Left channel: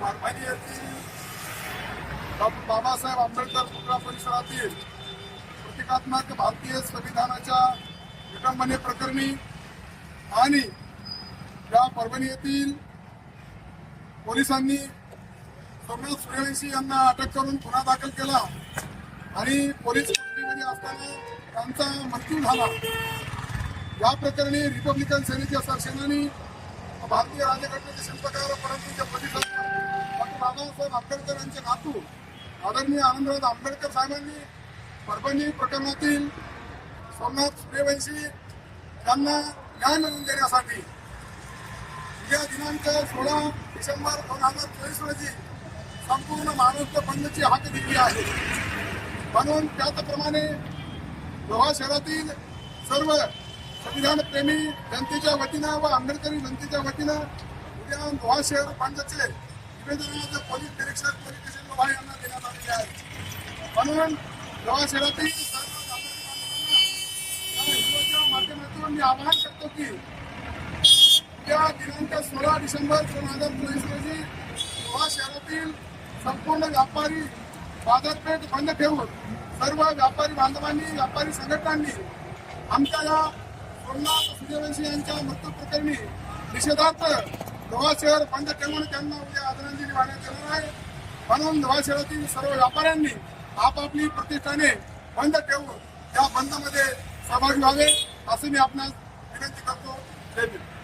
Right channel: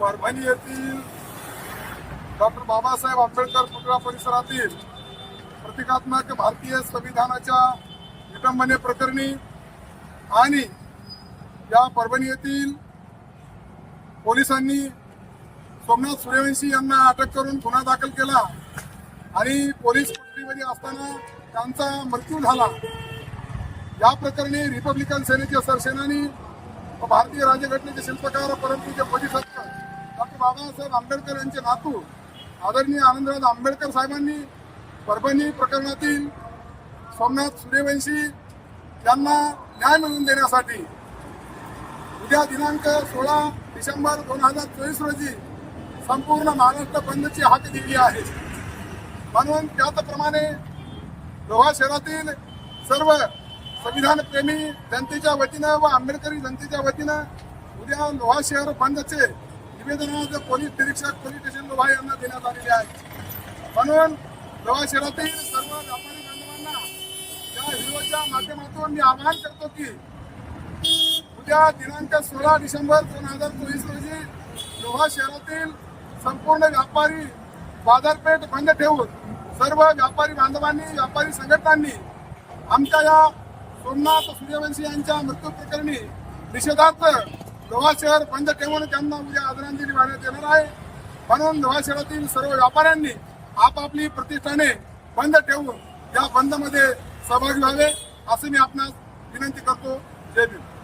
परभणी येथील डॉक्टर बाबासाहेब आंबेडकर पुतळा परिसरातील प्रतिकात्मक भारतीय संविधानाच्या विटंबने प्रकरणी आणि या परभणी येथील पोलिसांनी सोमनाथ सूर्यवंशी यांना अटक करून गुन्हा दाखल केला आणि पोलीस कोठडीमध्ये असताना त्यांचा मृत्यू झाला. या प्रकरणी रिपब्लिकन सेनेचे सरसेनानी व भारतीय राज्यघटनेचे शिल्पकार परंतुचे बोधिसत्व डॉक्टर बाबासाहेब आंबेडकर यांचे नातू आदरणीय आनंदराज आंबेडकर साहेबांनी परभणी प्रकरणातील सोमनाथ सूर्यवंशी यांना न्याय मिळवून देण्यासाठी उद्या दिनांक सोळा डिसेंबर दोन हजार चोवीस रोजी संपूर्ण महाराष्ट्र बंदची हाक दिली आहे. म्हणून त्याचप्रमाणे लोहा शहरातील सर्व संविधान प्रेमी जनतेच्या वतीनं व आंबेडकरी जनतेच्या वतीनं उद्या लोहा शहर बंदचे निवेदनाचं पोलीस निरीक्षक पोलीस स्टेशन लोहा यांना देण्यात आलेले आहे. म्हणून लोहा शहरातील सर्व व्यापारी बांधवांना या व्हिडिओच्या माध्यमातून मी आवाहन करतो की उद्या दिनांक सोळा डिसेंबर दोन हजार चोवीस रोजी लोहा शहरातील संपूर्ण व्यापारी बाजारपेठ बंद ठेवून सर्व व्यापारी बांधवांनी व्यापारी संघटनांनी आमच्या या सोमनाथ सूर्यवंशी यांच्या मृत्यू प्रकरणी निषेधार्थ लोहा शहर बंद ठेवून त्यांना उद्या आदरांजली वाहण्यात येणार आहे. म्हणून लोहा शहरातील सर्व व्यापाऱ्यांनी आपापली प्रतिष्ठाने बंद ठेवून या बंदमध्ये सहभागी व्हावे असे मी आपणास विनंती करतो. जय भीम.